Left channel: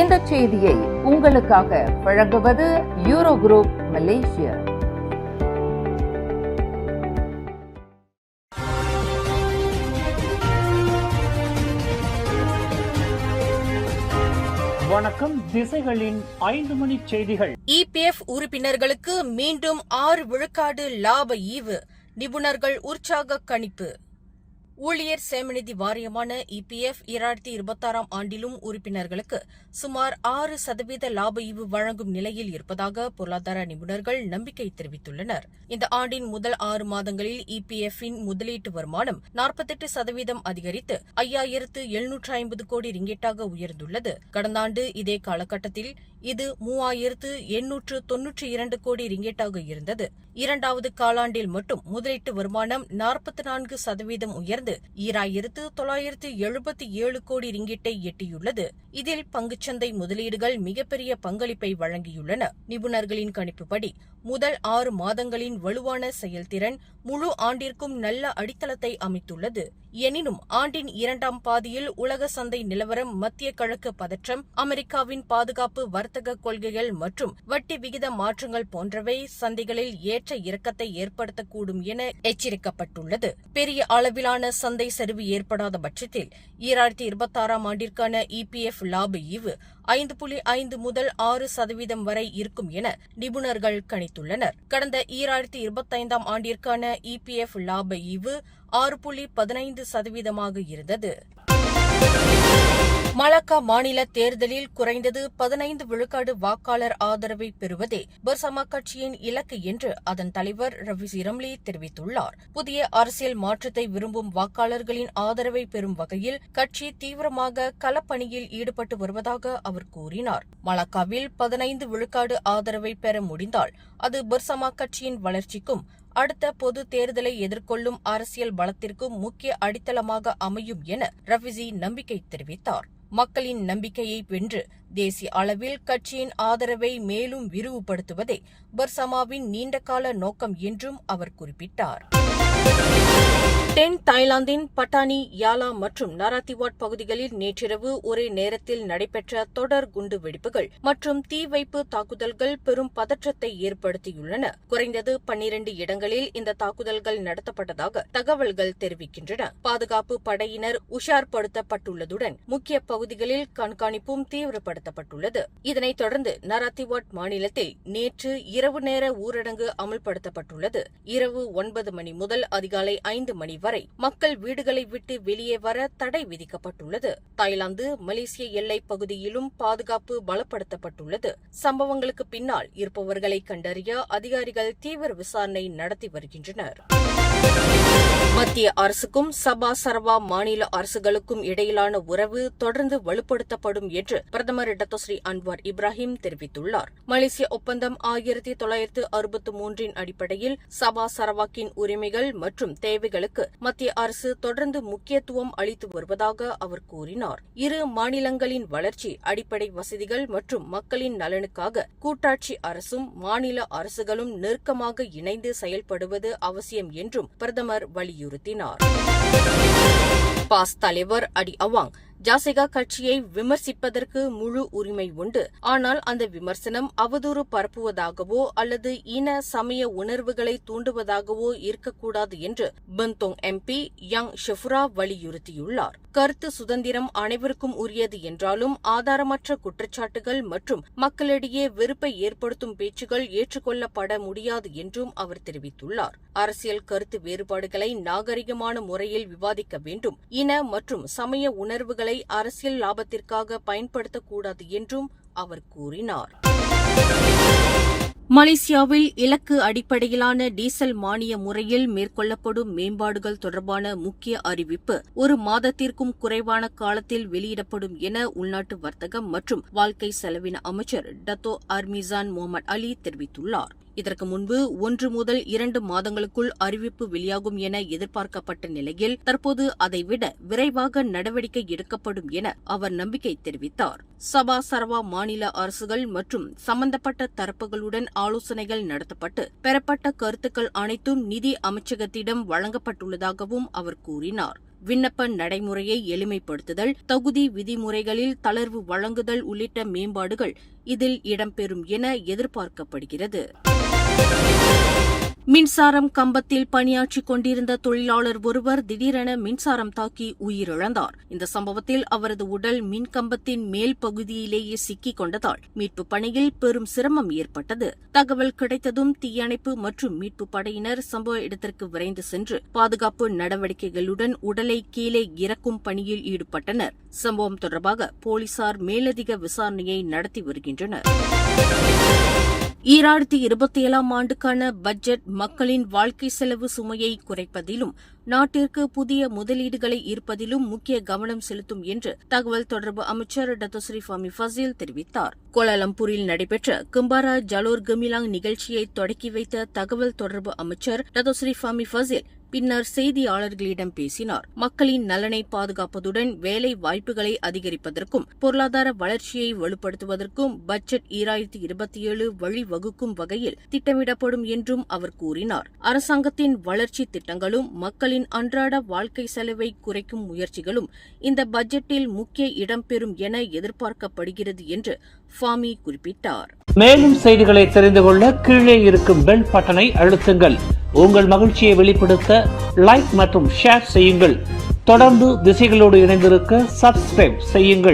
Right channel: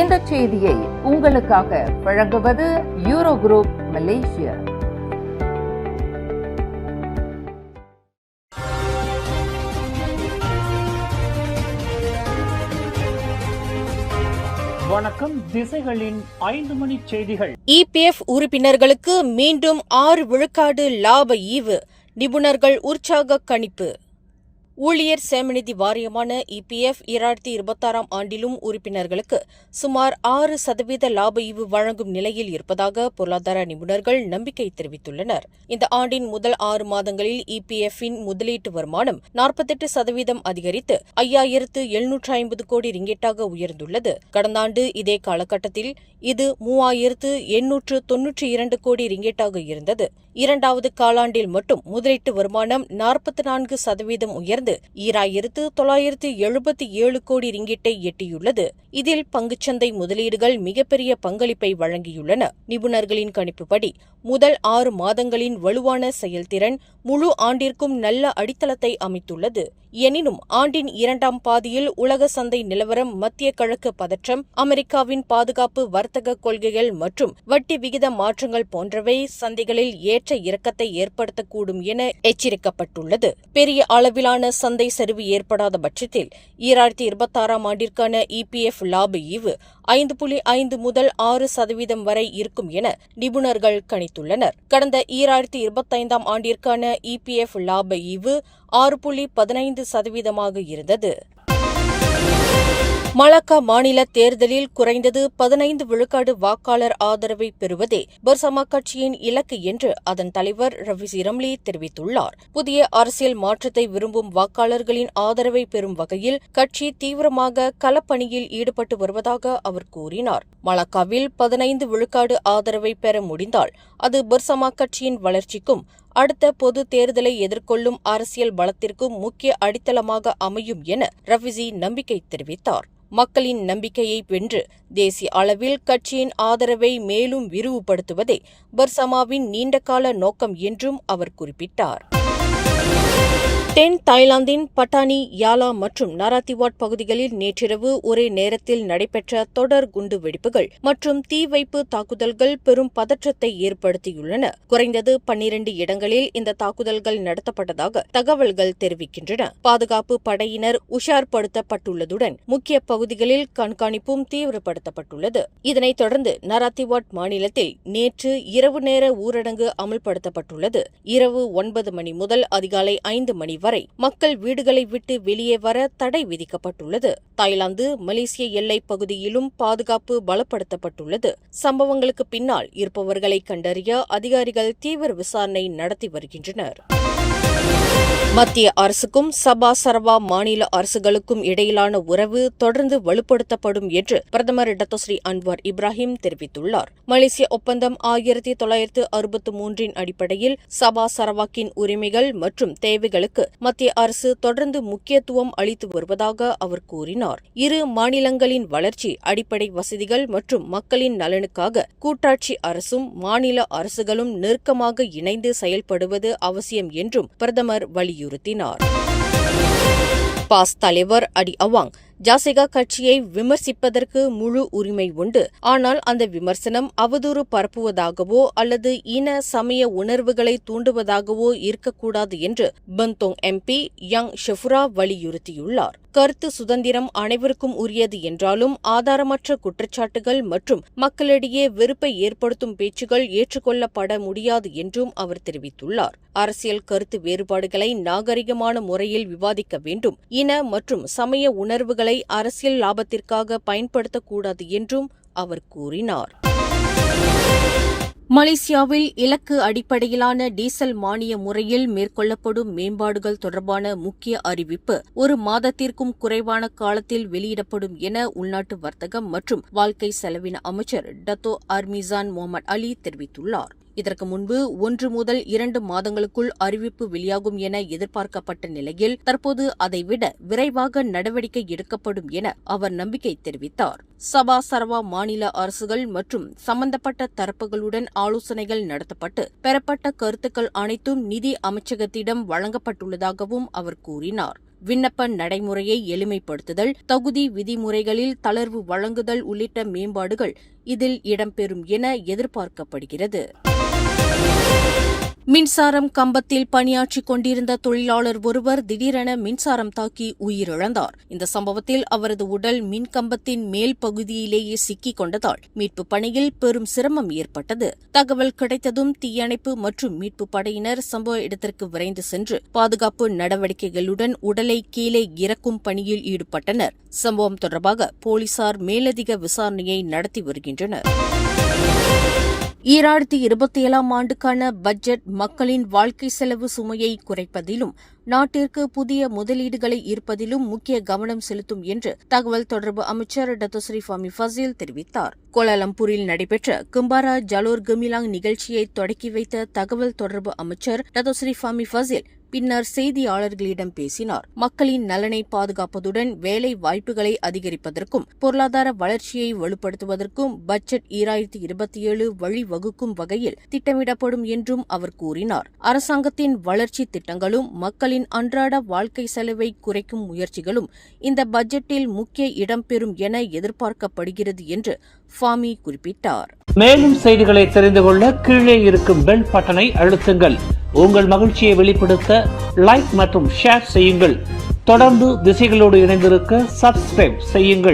இந்த செய்தியை உங்களுக்காக வழங்குவது யூரோ குரூப் மலேசியா. வணக்கம். திசைகளின் 5 மணி செய்திகள். EPF உறுப்பினர்களுக்கு மீண்டும் 6 விழுக்காடு லாப ஈவு, நிபுணர்கள் உற்சாக கணிப்பு. ஊழியர் சேமநிதி வாரியமான EPF 2026 ஆண்டிலும் உறுப்பினர்களுக்கு சுமார் 6% லாப ஈவு வழங்கும் நிலையில் இருப்பதாக பொருளாதார நிபுணர்கள் நம்பிக்கை தெரிவித்துள்ளனர். இந்த ஆண்டின் முதல் 6 மாதங்களில் EPF-இன் முதலீட்டு வருமானம் 48% அதிகரித்து 5,750 கோடி ரிங்கெட்டாக உயர்ந்துள்ளது. கடந்த ஆண்டு இதே காலகட்டத்தில் இது 3,892 கோடி ரிங்கெட்டாக இருந்தது. இரண்டாவது காலாண்டில் மட்டும் முதலீட்டு வருமானம் 44% உயர்ந்து 2,977 கோடி ரிங்கிட்டை எட்டியுள்ளது. இதில் பங்குச்சந்தை முதலீடுகள் மிகப்பெரிய பங்களிப்பை வழங்கியுள்ளன. நிபுணர்களின் கணிப்புப்படி முதல் 6 மாதங்களின் வலுவான செயல்திறன் முழு ஆண்டிற்கும் நல்ல அடித்தளத்தை அமைத்துள்ளது. எனினும் ஆண்டின் இரண்டாம் பாதியில் உலக சந்தை நிலவரம், மத்திய கிழக்கு பதற்றம், அமெரிக்காவின் பாதுகாப்பு, வர்த்தக கொள்கைகள் மற்றும் வட்டி விகித மாற்றங்கள் போன்றவை சந்தைகளில் ஏற்ற இறக்கத்தை ஏற்படுத்தக்கூடும் என எச்சரிக்கப்பட்டுள்ளது. பெரிய அளவிலான சந்தை சரிவு ஏற்படாத பட்சத்தில் 2026 ஆண்டிற்கான EPF லாப ஈவு 5.5 முதல் 6% வரை இருக்கும் என நிபுணர்கள் கணித்துள்ளனர். கடந்த 2025 ஆண்டிற்கான EPF லாப ஈவு 6.15% இருந்தது. மலாக்கா மாநில தேர்தலில் குறைந்தது 15 விழுக்காடு வாக்காளர் ஆதரவை பெறுவதே பர்சமா கட்சியின் இலக்கு என்று அதன் தலைவர் ரவிசி ரம்லி தெரிவித்துள்ளார். புதிய அரசியல் மாற்றத்தை விரும்பும் வாக்காளர்களின் ஆதரவை பெறும் வகையில் கட்சி தீவிரமாக களப்பணியில் ஈடுபட்டு வருவதாக அவர் கூறினார். மலாக்காவில் 15 விழுக்காடு ஆதரவை பெற முடிந்தால் அது பர்சமா கட்சியின் வளர்ச்சிக்கும் அடுத்த பொது தேர்தலை எதிர்கொள்ளும் அரசியல் பலத்திற்கும் முக்கிய அடித்தளமாக அமையும் என ரவிசி நம்பிக்கை தெரிவித்தார். மக்களின் நம்பிக்கையை வென்று தேசிய அளவில் கட்சியின் ஆதரவை மேலும் விரிவுபடுத்துவதே பர்சமாவின் நீண்டகால நோக்கம் என்றும் அவர் குறிப்பிட்டார். தென் தாய்லாந்தின் பட்டானி, யாலா மற்றும் நாராத்திவாட் பகுதிகளில் நேற்றிரவு ஒரே நேரத்தில் நடைபெற்ற தொடர் குண்டு வெடிப்புகள் மற்றும் தீ வைப்பு தாக்குதல்கள் பெரும் பதற்றத்தை ஏற்படுத்தியுள்ளன. குறைந்தது 12 இடங்களில் இந்த தாக்குதல்கள் நடத்தப்பட்டதாக தகவல்கள் தெரிவிக்கின்றன. பாதுகாப்பு படையினர் உஷார்படுத்தப்பட்டுள்ளதுடன் முக்கிய பகுதிகளில் கண்காணிப்பும் தீவிரப்படுத்தப்பட்டுள்ளது. இதனைத் தொடர்ந்து நாராத்திவாட் மாநிலத்தில் நேற்று இரவு நேர ஊரடங்கு அமல்படுத்தப்பட்டுள்ளது. இரவு 9 மணி முதல் அதிகாலை 5 மணி வரை மக்கள் வீடுகளை விட்டு வெளியே வர தடை விதிக்கப்பட்டுள்ளது. தாய்லாந்து மலேசிய எல்லைப் பகுதியிலும் பாதுகாப்பு பலப்படுத்தப்பட்டுள்ளது. சம்பவங்களுக்கு பின்னால் இருப்பவர்களை கண்டறிய அதிகாரிகள் தீவிர விசாரணை நடத்தி வருகின்றனர். மத்திய அரசுக்கும் சபா சரவா மாநில அரசுகளுக்கும் இடையிலான உறவு தொடர்ந்து வலுப்படுத்தப்படும் என்று பிரதமர் டத்தோஸ்ரீ அன்வார் இப்ராஹிம் தெரிவித்துள்ளார். மலேசிய ஒப்பந்தம் 1963 அடிப்படையில் சபா சரவாக்கின் உரிமைகள் மற்றும் தேவைகளுக்கு மத்திய அரசு தொடர்ந்து முக்கியத்துவம் அளித்து வருவதாக அவர் கூறினார். இரு மாநிலங்களின் வளர்ச்சி, அடிப்படை வசதிகள் மற்றும் மக்களின் நலனுக்காக கூட்டாட்சி அரசும் மாநில அரசுகளும் நெருக்கமாக இணைந்து செயல்படுவது அவசியம் என்றும் பிரதமர் வலியுறுத்தினார். பாஸ் தலைவர் அடி அவாங் ஜாசிகா கட்சியை விமர்சிப்பதற்கு முழு உரிமை உண்டு. ஆனால் அந்த விமர்சனம் அவதூறு பரப்புவதாகவோ அல்லது இன சமய உணர்வுகளை தூண்டுவதாகவோ இருக்கக்கூடாது என்று பந்தோங் MP யங் ஷெஃபுரா வலியுறுத்தியுள்ளார். கருத்து சுதந்திரம் அனைவருக்கும் உரியது என்றாலும் ஆதாரமற்ற குற்றச்சாட்டுகள் மற்றும் மக்களிடையே வெறுப்பை ஏற்படுத்தும் பேச்சுகள் ஏற்றுக்கொள்ளப்பட முடியாது என்றும் அவர் தெரிவித்துள்ளார். அரசியல் கருத்து வேறுபாடுகளை நாகரிகமான முறையில் விவாதிக்க வேண்டும். இன மற்றும் சமய உணர்வுகளை அரசியல் லாபத்திற்காக பயன்படுத்தக்கூடாது என்றும் அவர் கூறினார். மலேசியாவில் இலக்கு அடிப்படையிலான டீசல் மானிய முறையில் மேற்கொள்ளப்படும் மேம்பாடுகள் தொடர்பான முக்கிய அறிவிப்பு 1 மாதத்திற்கும் குறைவான காலத்தில் வெளியிடப்படும் என உள்நாட்டு வர்த்தகம் மற்றும் வாழ்க்கை செலவின அமைச்சர் டத்தோ அர்மிசான் முகமது அலி தெரிவித்துள்ளார். இதற்கு முன்பு 1 முதல் 2 மாதங்களுக்குள் அறிவிப்பு வெளியாகும் என எதிர்பார்க்கப்பட்ட நிலையில் தற்போது அதைவிட விரைவாக நடவடிக்கை எடுக்கப்படும் என அவர் நம்பிக்கை தெரிவித்தார். சபா சரவா மாநில அரசுகள் மற்றும் சம்பந்தப்பட்ட தரப்புகளுடன் ஆலோசனைகள் நடத்தப்பட்டு பெறப்பட்ட கருத்துக்கள் அனைத்தும் நிதி அமைச்சகத்திடம் வழங்கப்பட்டுள்ளதாகவும் அவர் கூறினார். விண்ணப்ப நடைமுறையை எளிமைப்படுத்துதல், தகுதி விதிமுறைகளில் தளர்வு வழங்குதல் உள்ளிட்ட மேம்பாடுகள் இதில் இடம்பெறும் என எதிர்பார்க்கப்படுகிறது. மின்சாரம் கம்பத்தில் பணியாற்றிக் கொண்டிருந்த தொழிலாளர் ஒருவர் திடீரென மின்சாரம் தாக்கி உயிரிழந்தார். இந்த சம்பவத்தில் அவரது உடல் மின்கம்பத்தின் மேல் பகுதியிலேயே சிக்கிக் கொண்டதால் மீட்புப் பணியில் பெரும் சிரமம் ஏற்பட்டது. தகவல் கிடைத்ததும் தீயணைப்பு மற்றும் மீட்புப் படையினர் சம்பவ இடத்திற்கு விரைந்து சென்று பாதுகாப்பு நடவடிக்கைகளுடன் உடலை கீழே இறக்கும் பணியில் ஈடுபட்டனர். சம்பவம் தொடர்பாக போலீசார் மேலதிக விசாரணையை நடத்தி வருகின்றனர். 2027ஆம் ஆண்டுக்கான பட்ஜெட் மக்களின் வாழ்க்கை செலவு சுமையை குறைப்பதிலும் நாட்டிற்கு புதிய முதலீடுகளை ஈர்ப்பதிலும் முக்கிய கவனம் செலுத்தும் என்று தகவல் தொடர்பு அமைச்சர் டத்தோஸ்ரீ ஃபாமி ஃபசீல் தெரிவித்தார். கோலாலம்பூரில் நடைபெற்ற கும்பாரா ஜலோர் கமிலாங் நிகழ்ச்சியை தொடக்கி வைத்த தகவல் தொடர்பு அமைச்சர் டத்தோஸ்ரீ ஃபாமி ஃபசீல் பின்னர் செய்தியாளர்களிடம் பேசினார். மக்களின் நலனை பாதுகாப்பதுடன் வேலை வாய்ப்புகளை அதிகரிப்பதற்கும் பொருளாதார வளர்ச்சியை வலுப்படுத்துவதற்கும் பட்ஜெட் 2027 வழிவகுக்கும் வகையில் திட்டமிடப்படும் என்றும் அவர் கூறினார். அரசாங்கத்தின் வளர்ச்சி திட்டங்களும் மக்களின் அன்றாட வாழ்க்கை செலவை குறைக்கும் முயற்சிகளும் இந்த பட்ஜெட்டில் முக்கிய இடம்பெறும் என எதிர்பார்க்கப்படுகிறது என்று ஃபாமி குறிப்பிட்டார். மேலும் செய்திகளை தெரிந்து கொள்ள கீழே இருக்கும் பெல் பட்டனை அழுத்துங்கள். உங்கள் மகிழ்ச்சியை வெளிப்படுத்த லைக் மற்றும் ஷேர் செய்யுங்கள். தொடர்ந்து திசைகளோடு இணைந்திருக்க சப்ஸ்கிரைப் செய்யுங்கள்.